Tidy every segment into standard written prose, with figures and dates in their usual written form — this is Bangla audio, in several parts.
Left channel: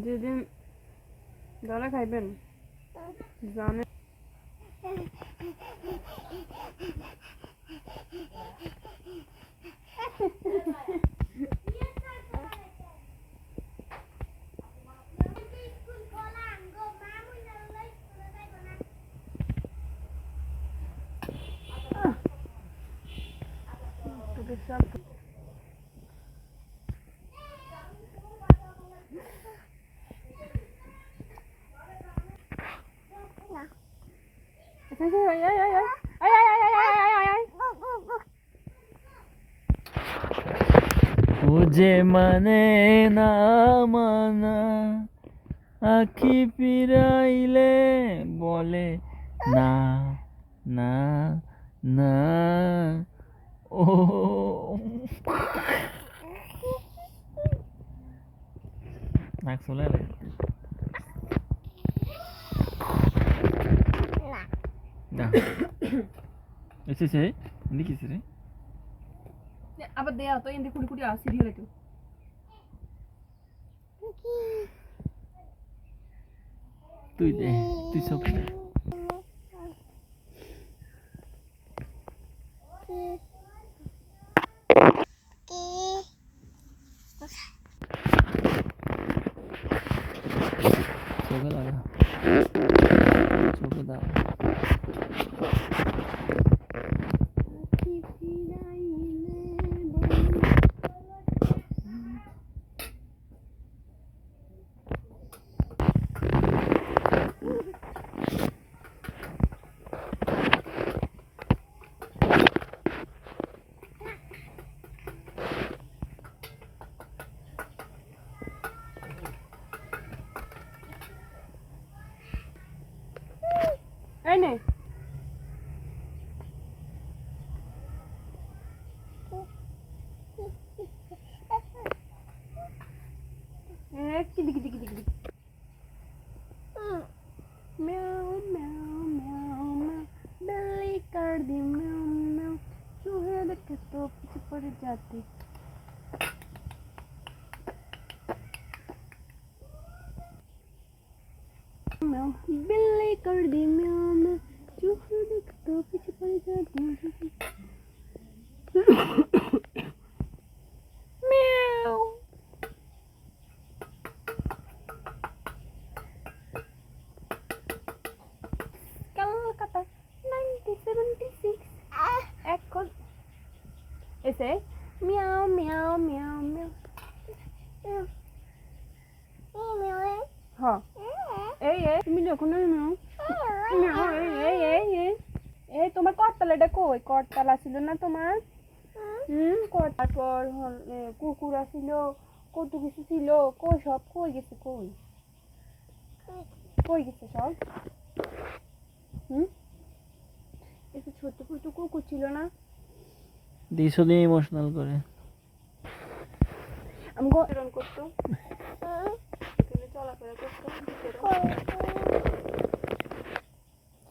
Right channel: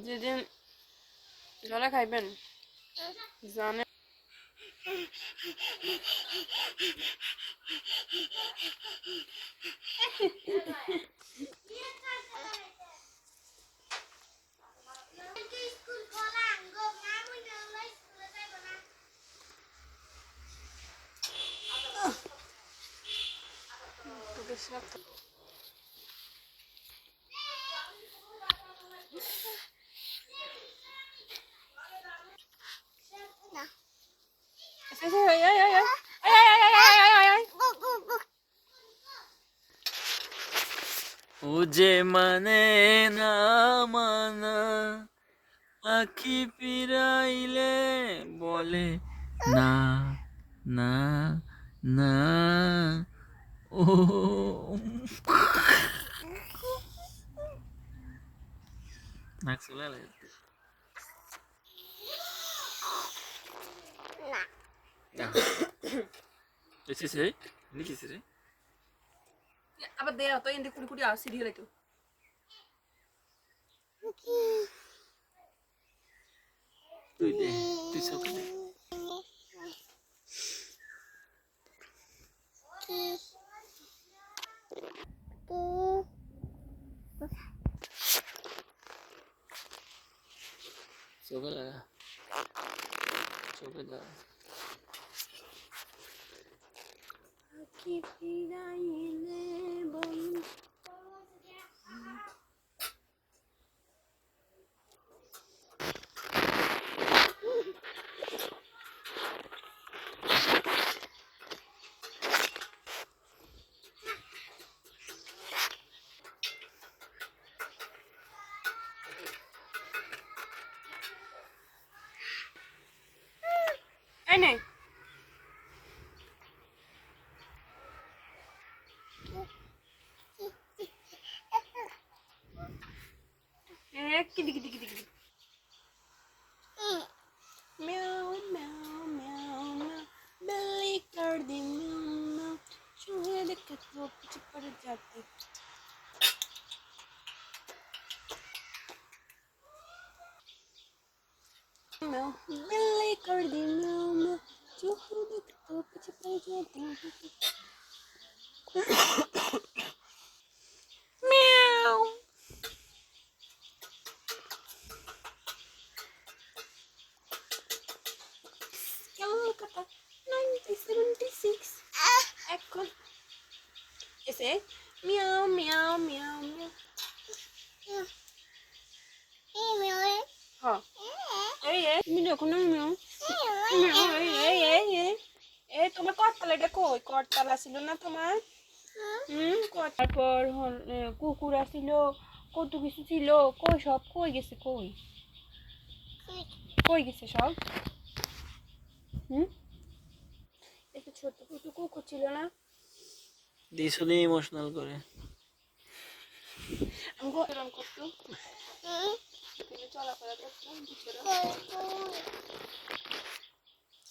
যেদিন ধরা খাইবেন জানে তোকে সব ও যে মানে না মানা আখি ফিরাইলে বলে না না না ও নাক চলে না এসেছে লিখেছে রে আবার দেয়া তো এন্ডি কুড়ি কুড়ি আর সিরিয়াল তো তুই দে তুই সব চোখে লাগা চোখে দাও এই নে কিদি কিদি কিদি কিদি म्याऊ म्याऊ म्याऊ म्याऊ बिल्ली कर दी म्याऊ म्याऊ चूहे देखे तो पीछे पड़ जाती म्याऊ बिल्ली कर दी म्याऊ म्याऊ चूहे देखे तो पीछे पड़ जाती म्याऊ কলকাতা 1976 এখন এসে মিয়াও মিয়াও মিয়াও মিয়াও হ্যাঁ এই তুমি দেখো না মিয়াও এই তোমার করতলাটা কই করতলা ছিল না তোমার তারপর কুকুর ছিল কত কিছু ছিল কই সব কই গেছে কই কই গেছে সব একটু ছোট্ট ছোট্ট কুকুর ছিল না দিশো দিয়ে ইমোশনাল করে আমি এরকম করতো চলাফেরা করতো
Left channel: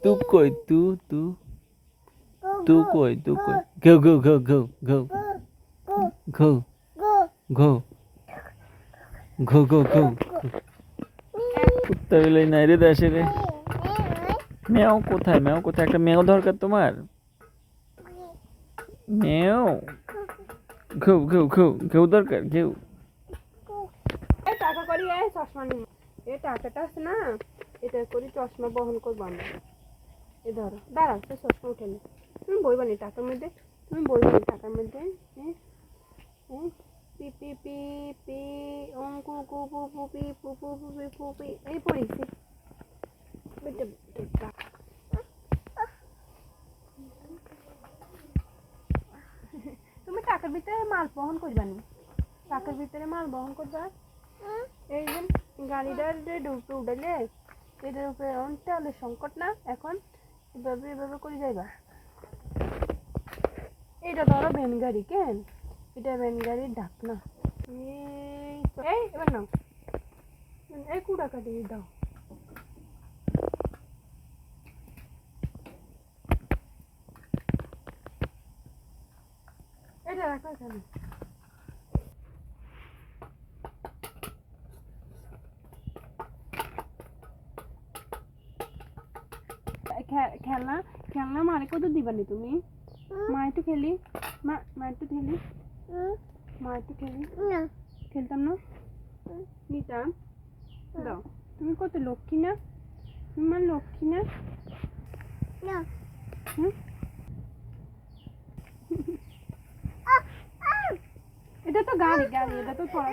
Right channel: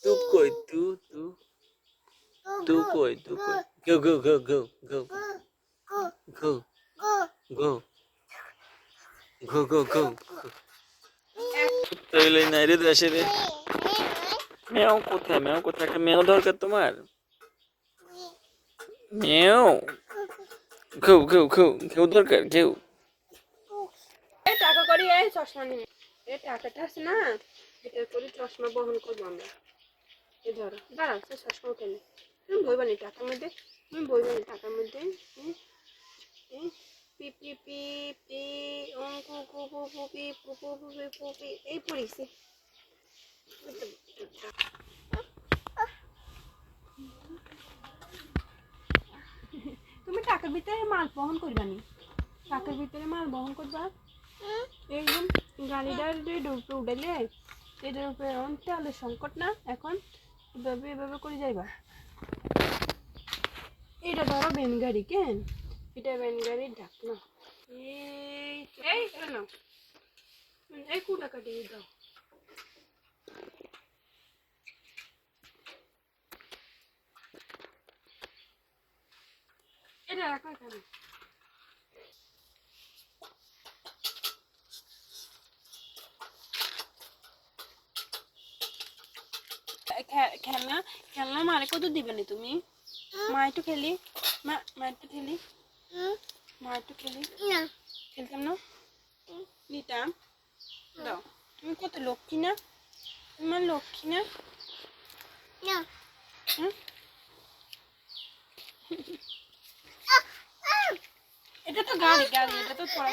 তু কই তু তু তু কই তু কই গো গো গো গো গো গো গো গো গো গো কুত্তা বিলাই নাই রে দেশে রে মেও কোথায় একটা মেও দরকার তোমার মেও ঘেউ ঘেউ ঘেউ ঘেউ দরকার ঘেউ টাকা করি চশমা নিয়ে টাকাটা আছে না এটা করে চশমা বহন করবো আমরা এ ধরো দাঁড়াও সে চশমা উঠে নে তুমি বইবানি টাকার মধ্যে পি পি পি পি অঙ্কু কু পু পু পি পু পু পু পি পু পি এই পড়েছি তুমি টাকার ভিতরে মাল বহন করবানি টাকার ভিতরে মাল বহন করবা এই গাড়িটার উঠেলে এটার উপরে তেলের সংকট না এখন এভাবে করে যাইবা এটা ধরো ভ্যান গাড়ি কেন এটা ভ্যান গাড়ির ডাক না এই এবার নাও এই কুড়া কাটিয়ে দাও এটা রাখো এখানে খেলনা খেলনা মারে কত দিবানি তুমি মা একটু খেলি মা একটু খেলি মা একটু খেলি খেলতাম না নিতাম দাও তুমি কত লক্ষ্মী না তোমার লক্ষ্মী না হুম? এটা তো গাড়ি গাড়ি এটা তো পড়া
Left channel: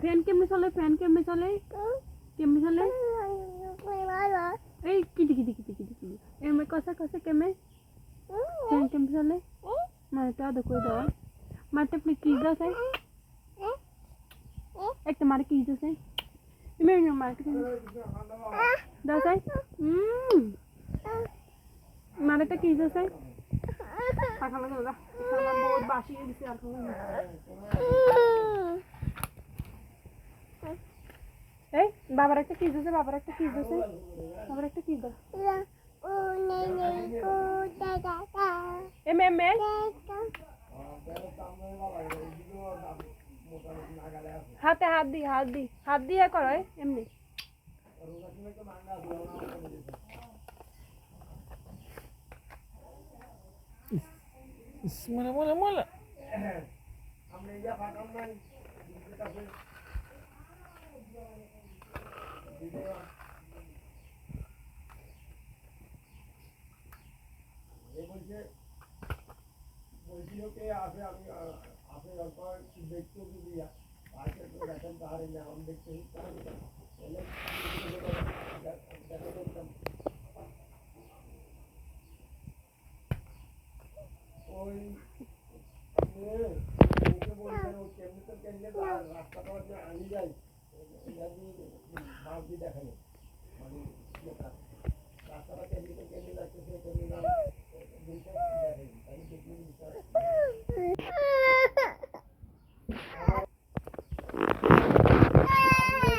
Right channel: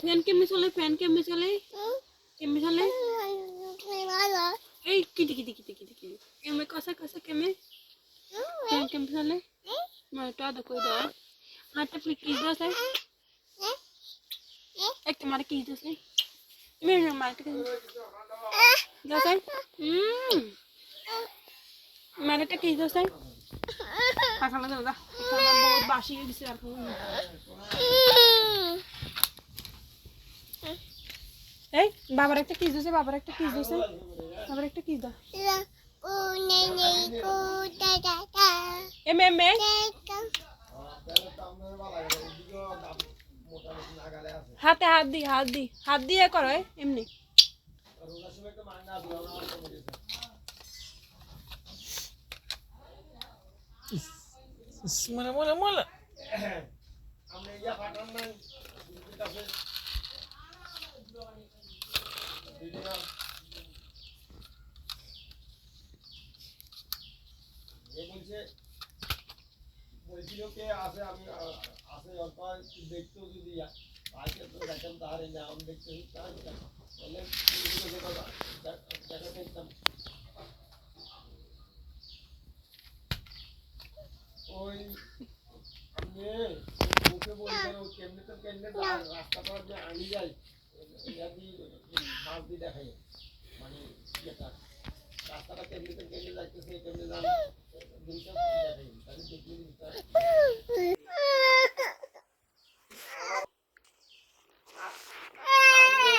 ফ্যান কেমনি চলে ফ্যান কেমনি চলে কেমনি চলে এই কিটি কিটি কিটি কিটি কিটি এমে কসে কসে কেমে ফ্যান কেমনি চলে মা একটু আদর করে দাও মা একটা কিস দাও স্যার একটা মারে কিস দাও স্যার তুমি মারে দাও স্যার মারে একটা কিস দাও স্যার খানা দাও দা বহুত বাসি দিছে আর এই বাবার একটা কিস দিছে বাবার একটা কিস দিছে বাবার একটা কিস দাও এম এম এ হাতে হাত দিয়ে করো এমনি মোলা মোলা মোলা বলছিল কে আছে আমি আছে অল্প দেখতেও যদি আজকে তো দেখেন তাহলে না আমি দেখতে তাহলে দেখা দেখতাম ওই ওকে বলছেন ও কেমনি তো কেমনি রাস্তা পর যে আমি যাই বাস দিয়ে দেখাই মানে যেটা রাস্তাটা কেমনি তো কেমনি যাইতেছে কেমনি যান জিনিসটা দেখাই তাহলে দেখলি